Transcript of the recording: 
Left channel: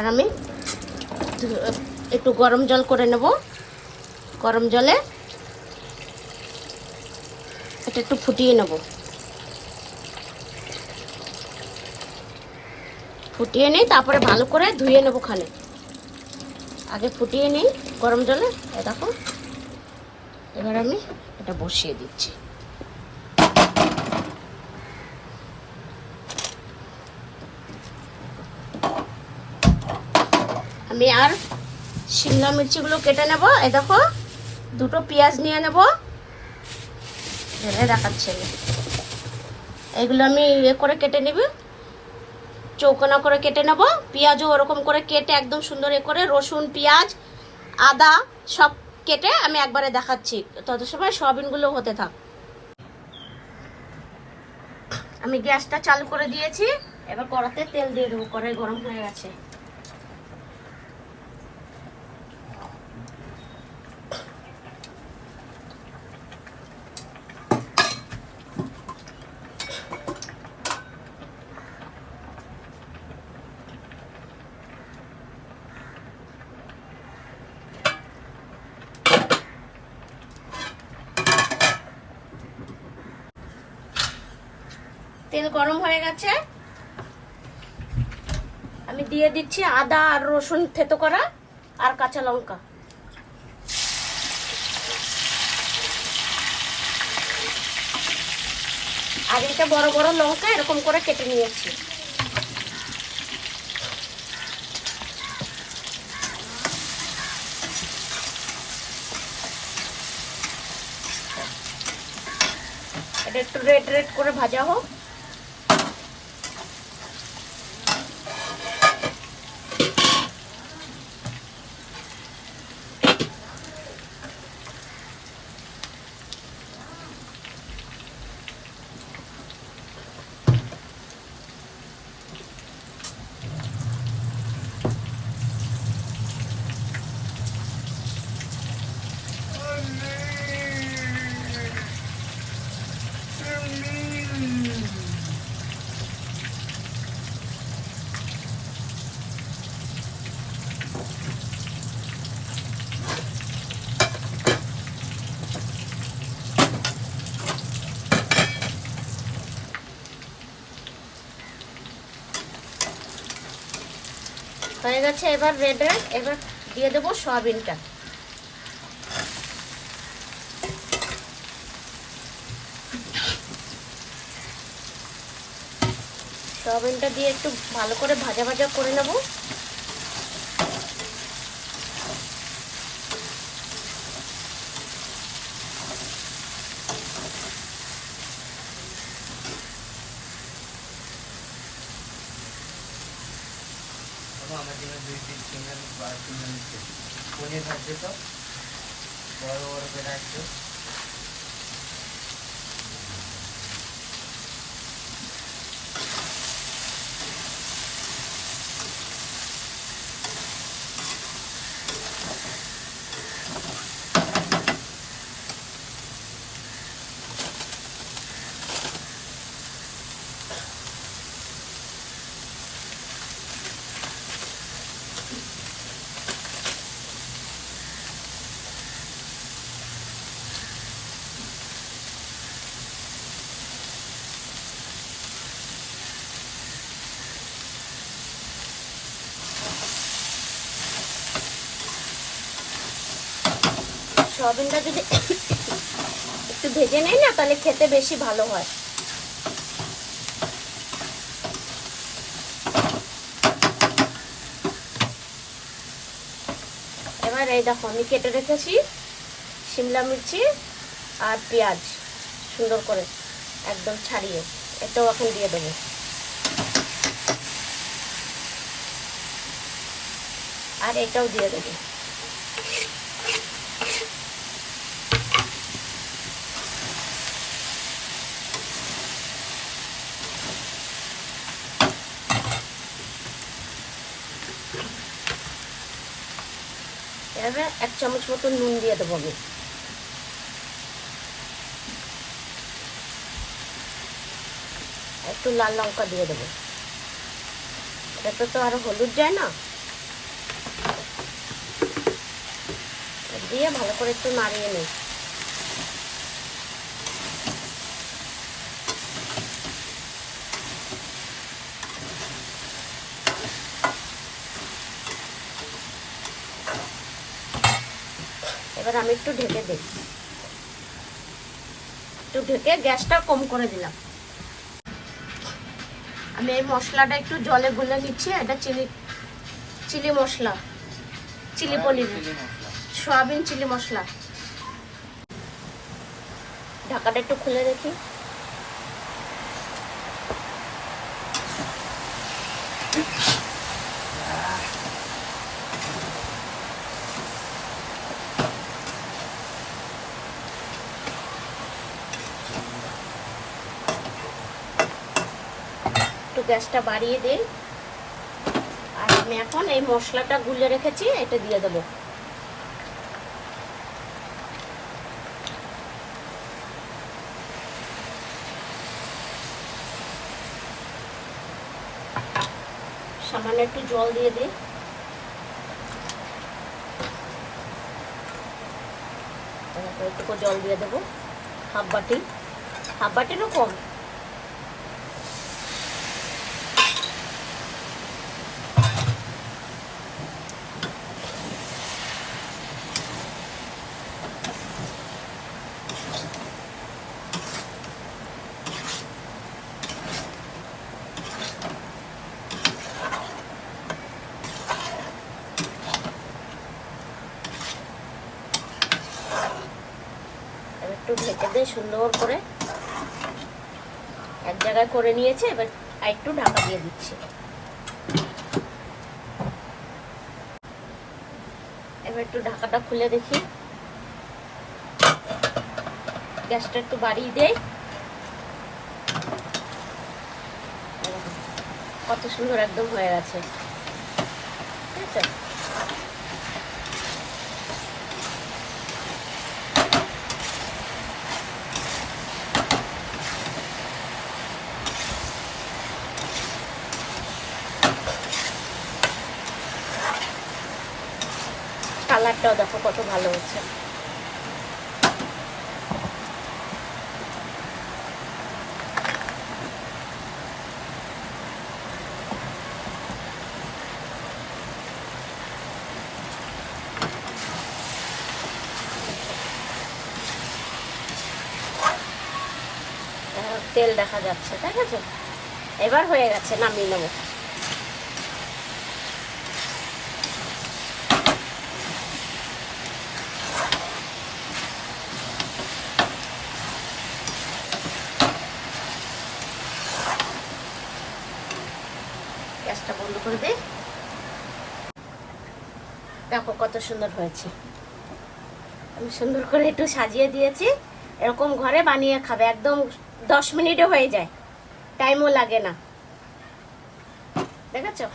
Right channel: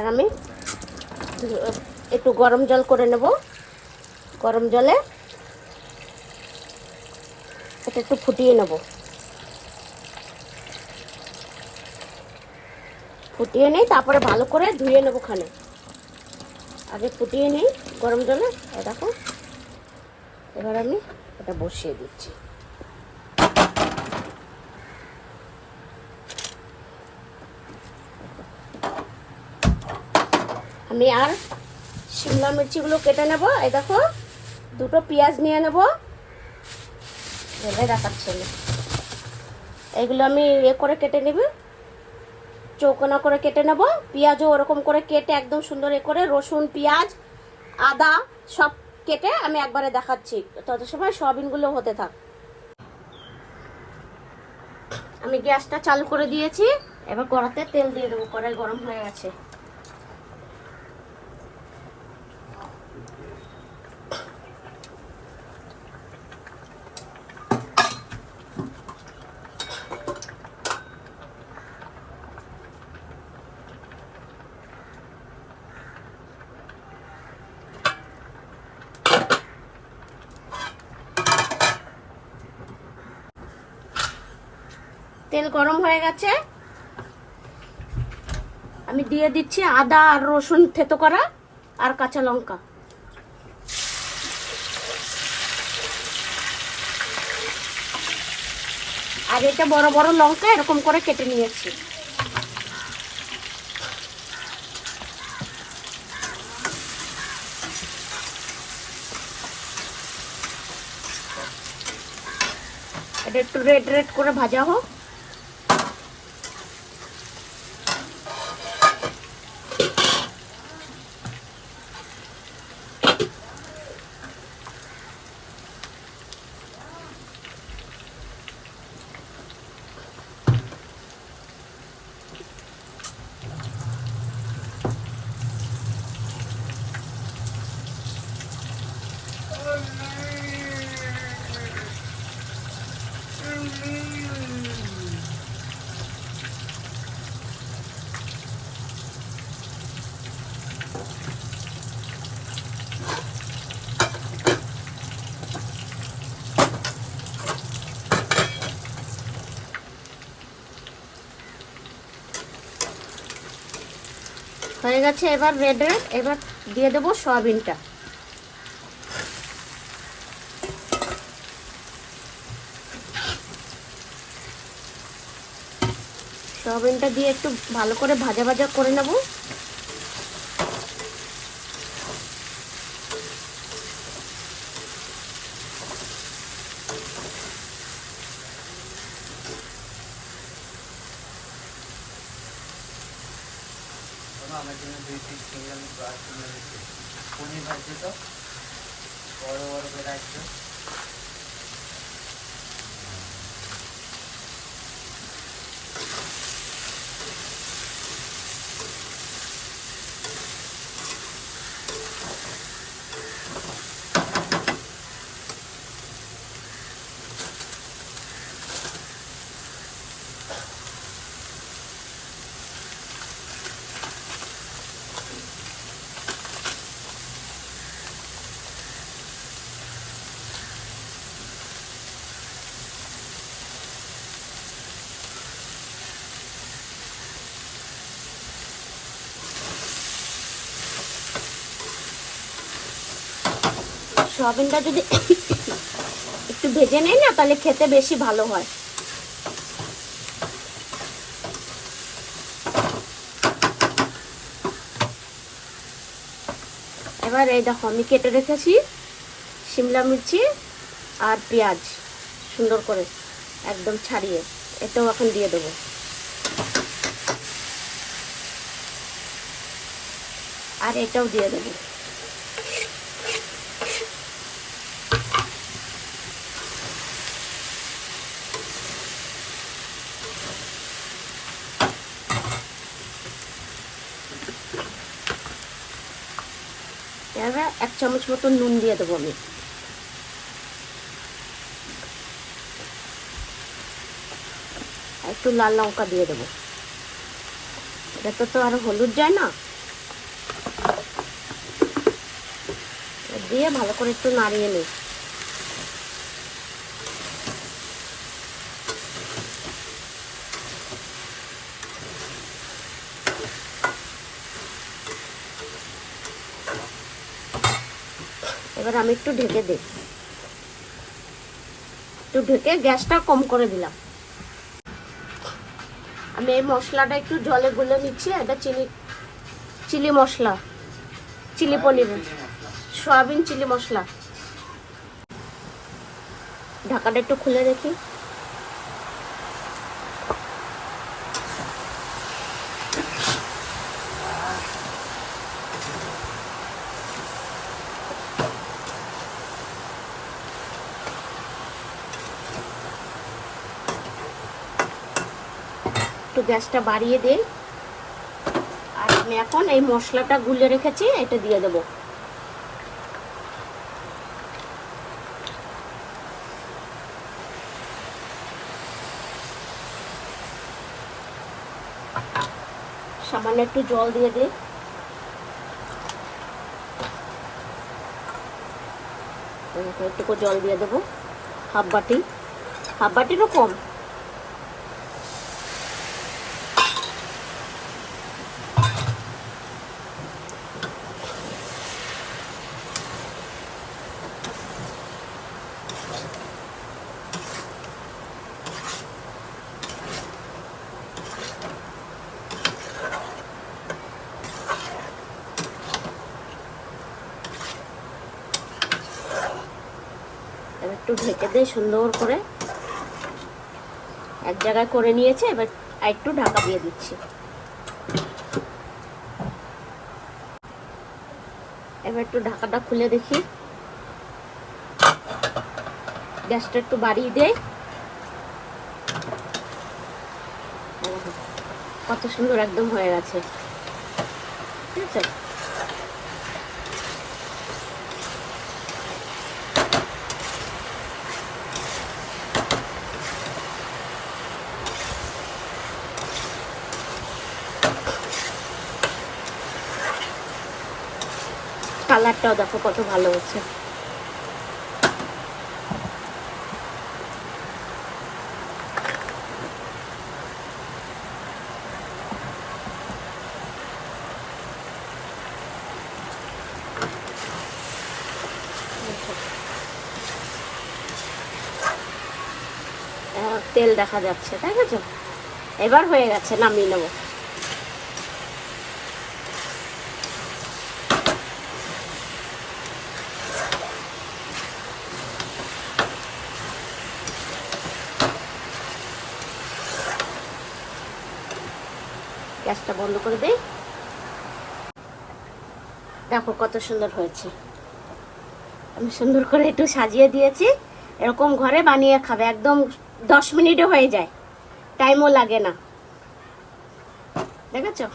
এবার আমি একটু গরম জল করে নেব। গরম জলে এটা একটু ফুটিয়ে নেব। ফুটিয়ে নিই, তারপরে ভালো করে ধুয়ে নেব খানে। আগে ফুটিয়ে নিই গরম জলে। দেখো, এবার আমি এটা বসিয়ে দিচ্ছি। আমি আর শিমলা মির্চিগুলো কেটে নেব। এই দেখো, দুটো পেঁয়াজ নিয়ে নেব। ঢেলে দেখাচ্ছি আমি। এইগুলো আমি করে কেটে নেব, চৌকোনা করে কেটে নেব। পেঁয়াজও ওরকম করে কেটে একদম সুন্দর করে, রসুন, পেঁয়াজ, আদা সব কেটে আমি একবারে দেখাচ্ছি। তত সময় সয়াবিনগুলো হতে থাক। আমি গ্যাসটা চালু করে দিয়েছি। এবার কড়াতে তেল দিয়ে দেবো। কড়াই গরম হয়ে গেছে। তেল গরম হয়ে গেছে। আমি দিয়ে দিচ্ছি আদা আর রসুন থেতো করা আর কাঁচা লঙ্কা। আর এটা বড় বড় লঙ্কা এরকম করে কেটে নিয়েছি। এটা একটু রেড রেড করে ভাজা হোক। হয়ে গেছে এবার রেড রেড। এবার দিয়ে দেবো সয়াবিনটা। সয়াবিনটা দিয়ে একটু ভালো করে ভাজা ভাজা করে নেব। পনির ভাজছে তো বড় বড় করে একটু সয়াবিনটা যদি একটু ভেজে নেই না, তাহলে খেতে বেশি ভালো হয়। এবার এই দেখো, আমি কেটে রেখেছি শিমলা মির্চি আর পেঁয়াজ সুন্দর করে একদম ছাড়িয়ে, এটাও এখন দিয়ে দেবো। আর এটাও দিয়ে দেবো। এবার 1 চামচ মতো নুন দিয়ে দেবো আমি। একটু লাল লঙ্কা দিয়ে দেবো। এটাতে তো আর হলুদ যায় না, দিয়ে ভালো করে একটু নাড়িয়ে নিই। এবার আমি একটু ঢেকে দিই, একটু ঢেকে গ্যাসটা কম করে দিলাম। আমি এই মশলাটা একটু জলে গুলে নিচ্ছি। এটা চিলি মশলা, চিলি পনির, সয়াবিন চিলি মশলা। ঢাকাটা একটু খুলে রেখি। একটু গ্যাসটা বাড়িয়ে দিই। আর আমি এখন এই মশলাটা গুলে রেখেছি এটা দিয়ে দেবো। সামান্য একটু জল দিয়ে দিই। একটু জল দিয়ে দেবো, হাফ বাটিরও কম। একটু ঢেকে দিয়ে সুন্দর করে এক জায়গায় করে নিয়েছে। এবার একটু ঢাকা দিয়ে দিচ্ছি। এবার একটু ঢাকাটা খুলে দেখি, গ্যাসটা একটু বাড়িয়ে দেই। কত সুন্দর একদম হয়ে গেছে, ঠিক আছে। কালারটাও দেখো কত ভালো হচ্ছে। তেল দেখা যাচ্ছে, তাই আছে। এবার হয়ে গেছে, নামিয়ে নেব। গ্যাসটা বন্ধ করে দিই। দেখো কত সুন্দর হয়েছে। আমি সুন্দর করে একটু সাজিয়ে দিয়েছি। এরকম ঘরে বানিয়ে খাবে, একদম 10 মিনিটে হয়ে যায়, টাইমও লাগে না। দেখেছো?